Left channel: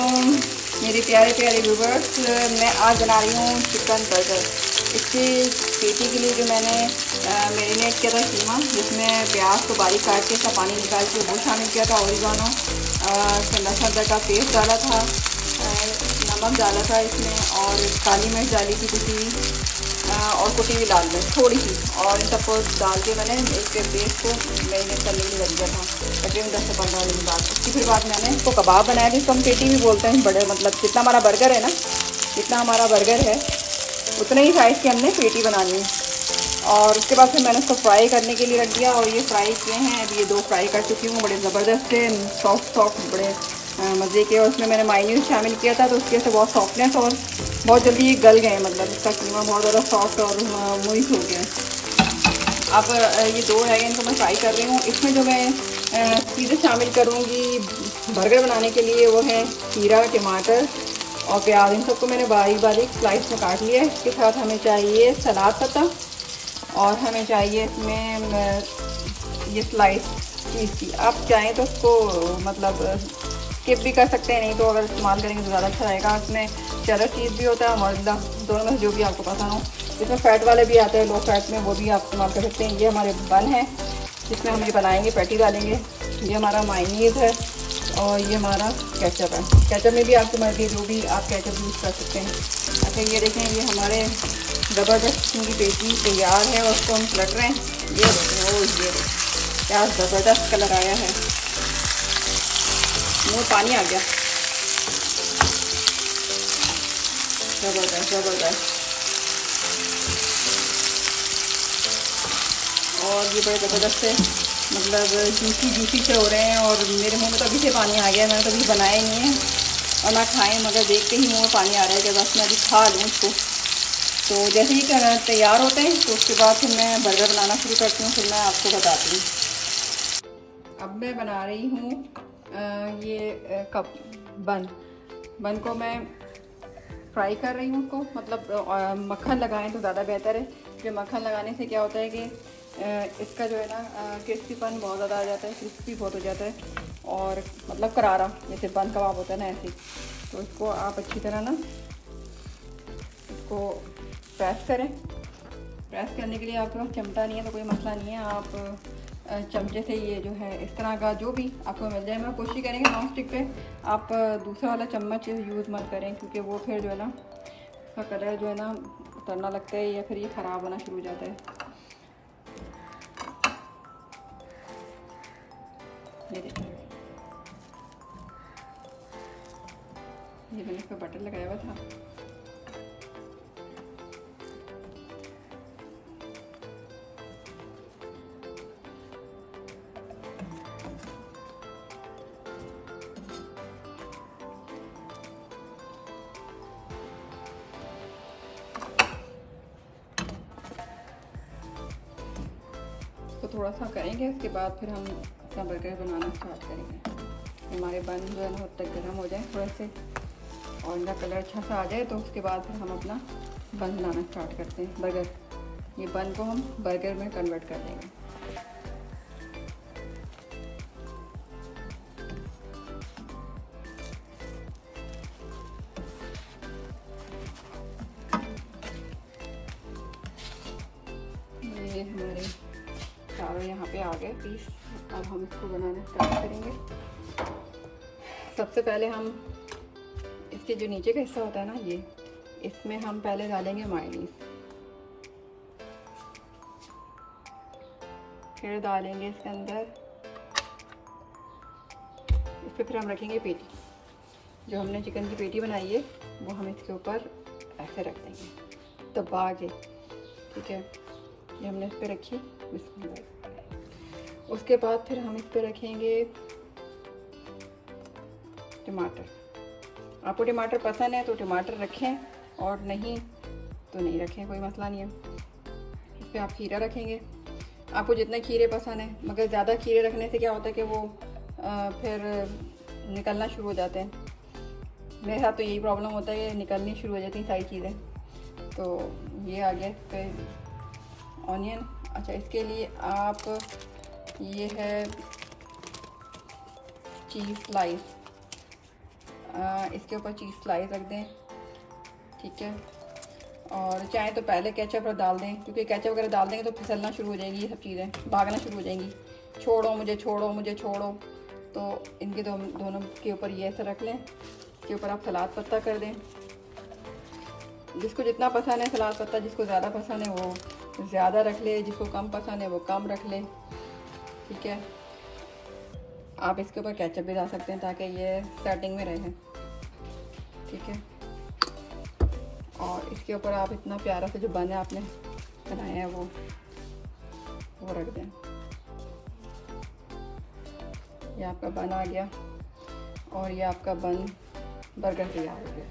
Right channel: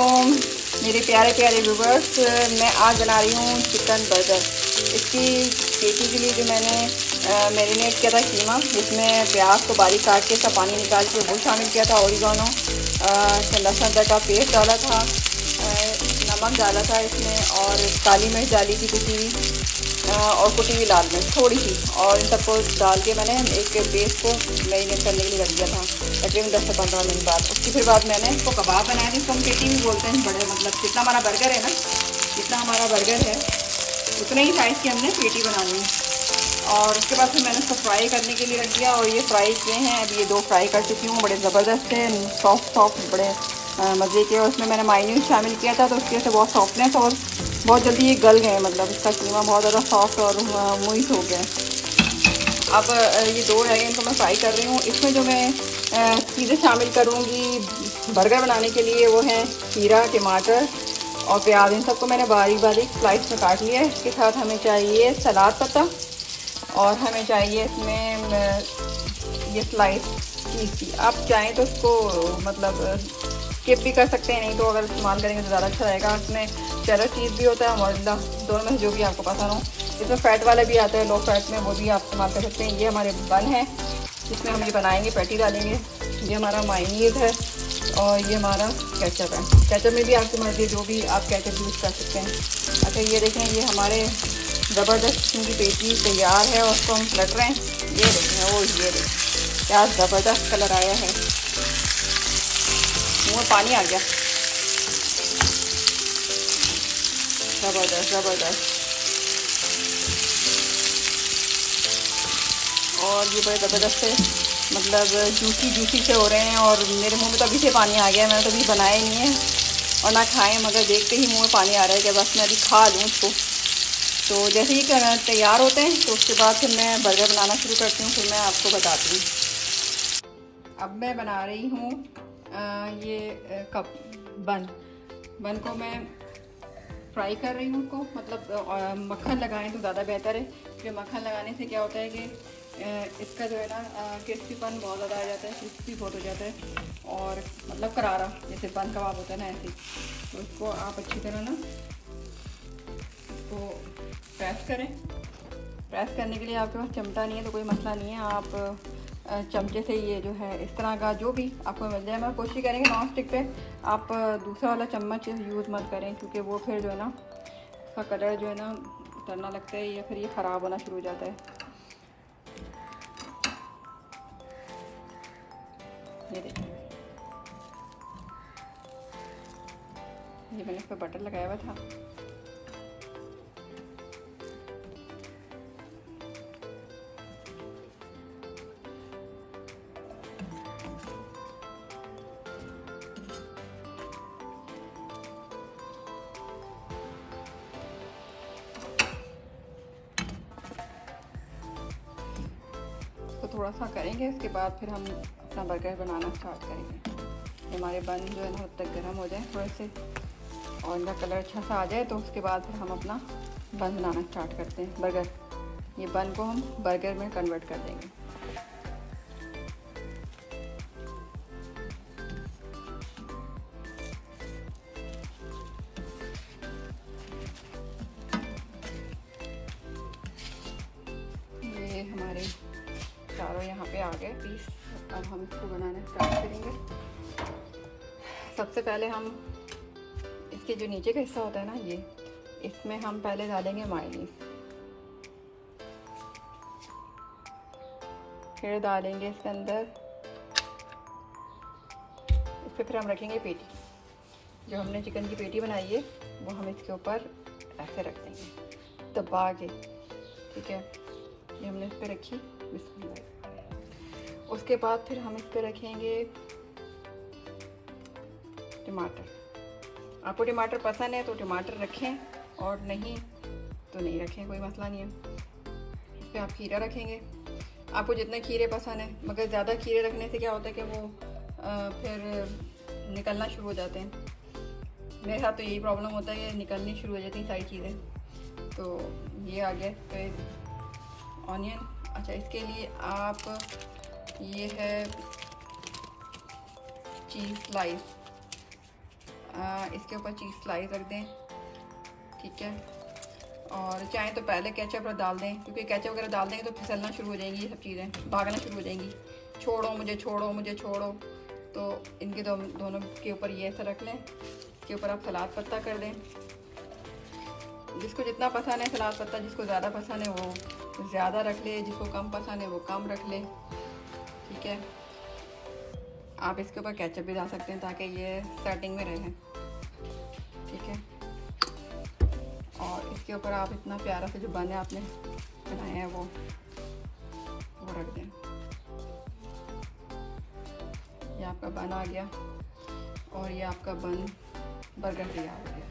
अस्सलामुअलैकुम मेरे प्यारे प्यारे व्यूवर्स। मैं आज बना रही हूँ चिकन बर्गर। इसकी पेटी के लिए जो मैंने मैरिनेट किया था कीमा, जिसमें प्याज को बारीक काट के सब पानी निकाल के वो शामिल किया था, ओरिगानो, लहसुन अदरक का पेस्ट डाला था, नमक डाला था इसमें, और काली मिर्च डाली थी कुटी हुई, और कुटी हुई लाल मिर्च थोड़ी सी, और इन सबको डाल के मैंने एक पेस्ट को मैरिनेट करने के लिए रख दिया था तकरीबन 10 से 15 मिनट बाद। उसकी फिर बाद मैंने इसको कबाब बनाया, जिसको हम पेटी भी बोलते हैं। बड़े मतलब जितना हमारा बर्गर है ना, जितना हमारा बर्गर है उतने ही साइज़ की हमने पेटी बनानी है। और उसके बाद फिर मैंने इसको फ्राई करने के लिए रख दिया, और ये फ्राई किए हैं। अब ये 2 फ्राई कर चुकी हूँ, बड़े ज़बरदस्त थे, सॉफ्ट बड़े मज़े के। और उसमें मैंने मायोनीज शामिल किया था, तो उसकी वजह से बहुत सॉफ्टनेस और बहुत जल्दी ये गल गए, मतलब इसका कीमा बहुत ज़्यादा सॉफ्ट और मोइस हो गया। अब ये 2 रह गए, इनको मैं फ्राई कर रही हूँ। इसमें जो मैं चीज़ें शामिल करूँगी बर्गर बनाने के लिए वो हैं खीरा, टमाटर और प्याज। इन सबको मैंने बारीक बारीक स्लाइस में काट लिया है। इसके साथ हमें चाहिए सलाद पत्ता, और हमें चाहिए इसमें ये स्लाइस चीज़ की। आप चाहें तो उसको मतलब स्किप भी कर सकते हैं, नहीं तो अगर इस्तेमाल करेंगे तो ज़्यादा अच्छा रहेगा। इसमें चेडर चीज़ भी होता है, मोज़रेला, दोनों में से जो भी आपको पसंद हो। इसमें फैट वाले भी आते हैं, लो फैट में, वो भी आप इस्तेमाल कर सकते हैं। ये हमारे बन है, जिसमें हम ये बनाएंगे, पैटी डालेंगे। ये हमारा मायोनीज है, और ये हमारा केचप है। केचप में भी आपकी मर्जी है, जो भी आप केचप यूज़ कर सकते हैं। अच्छा, ये देखें, ये हमारे ज़बरदस्त किस्म की पेटी तैयार है, और उसको हम पलट रहे हैं। ये देखें, ओ ये देखें क्या ज़बरदस्त कलर आया है, मुँह पानी आ गया, ज़बरदस्त ज़बरदस्त। और ये बड़े ज़बरदस्त से मतलब जूसी से हो रहे हैं, और मेरे मुंह में तो अभी से पानी आ गया। मैंने कभी बनाए नहीं है और ना खाएं, मगर देखते ही मुंह में पानी आ रहा है कि बस मैं अभी खा लूँ इसको। तो जैसे ही तैयार होते हैं तो उसके बाद फिर मैं बर्गर बनाना शुरू करती हूँ, फिर मैं आपको बताती हूँ। अब मैं बना रही हूँ ये कप बन को मैं फ्राई कर रही हूँ। उसको मतलब मक्खन लगाएं तो ज़्यादा बेहतर है। जो मक्खन लगाने से क्या होता है कि इसका जो है ना क्रिस्पीपन बहुत ज़्यादा आ जाता है, क्रिस्पी बहुत हो जाता है, और मतलब करारा, जैसे बन कबाब होता है ना, ऐसे। तो इसको आप अच्छी तरह ना इसको प्रेस करें। प्रेस करने के लिए आपके पास चिमटा नहीं है तो कोई मसला नहीं है, आप चमचे से ये जो है इस तरह का जो भी आपको मिल जाए। मैं कोशिश करेंगे नॉन स्टिक पे आप दूसरा वाला चम्मच यूज़ मत करें, क्योंकि वो फिर जो है ना उसका कलर जो है ना उतरना लगता है, या फिर ये ख़राब होना शुरू हो जाता है। ये देखिए, ये मैंने इस पर बटर लगाया हुआ था। तो थोड़ा सा करेंगे, उसके बाद फिर हम अपना बर्गर बनाना स्टार्ट करेंगे। हमारे बन जो है बहुत तक गर्म हो जाए थोड़े से, और इनका कलर अच्छा सा आ जाए, तो उसके बाद फिर हम अपना बन बनाना स्टार्ट करते हैं, बर्गर। ये बन को हम बर्गर में कन्वर्ट कर देंगे। ये हमारे चारों यहाँ पे आ गए पीस। अब हम इसको बनाना स्टार्ट करेंगे। सबसे पहले हम इसके जो नीचे का हिस्सा होता है ना, ये इसमें हम पहले डालेंगे मायोनीज, फिर डालेंगे इसके अंदर, इस पर फिर हम रखेंगे पेटी। जो हमने चिकन की पेटी बनाई है वो हम इसके ऊपर ऐसे रख देंगे दबा के, ठीक है। ये हमने इस पर रखी, उसके बाद फिर हम इस पर रखेंगे टमाटर। आपको टमाटर पसंद है तो टमाटर रखें, और नहीं तो नहीं रखें, कोई मसला नहीं है। इस पर आप खीरा रखेंगे, आपको जितने खीरे पसंद है, मगर ज़्यादा खीरे रखने से क्या होता है कि वो फिर निकलना शुरू हो जाते हैं। मेरे साथ तो यही प्रॉब्लम होता है कि निकलनी शुरू हो जाती हैं सारी चीज़ें। तो ये आ गया फिर ऑनियन। अच्छा, इसके लिए आप ये है चीज़ स्लाइस, इसके ऊपर चीज़ स्लाइस रख दें, ठीक है। और चाहे तो पहले केचप डाल दें, क्योंकि केचप वगैरह डाल देंगे तो फिसलना शुरू हो जाएंगी, ये सब चीज़ें भागना शुरू हो जाएंगी, छोड़ो मुझे छोड़ो मुझे छोड़ो। तो इनके दोनों के ऊपर ये ऐसा रख लें। इसके ऊपर आप सलाद पत्ता कर दें, जिसको जितना पसंद है सलाद पत्ता, जिसको ज़्यादा पसंद है वो ज़्यादा रख ले, जिसको कम पसंद है वो कम रख ले, ठीक है। आप इसके ऊपर केचप भी डाल सकते हैं ताकि ये स्टार्टिंग में रहे, ठीक है। और इसके ऊपर आप इतना प्यारा सा जो बन आपने बनाया है वो रख दें। ये आपका बन आ गया और ये आपका बन बर्गर तैयार हो गया।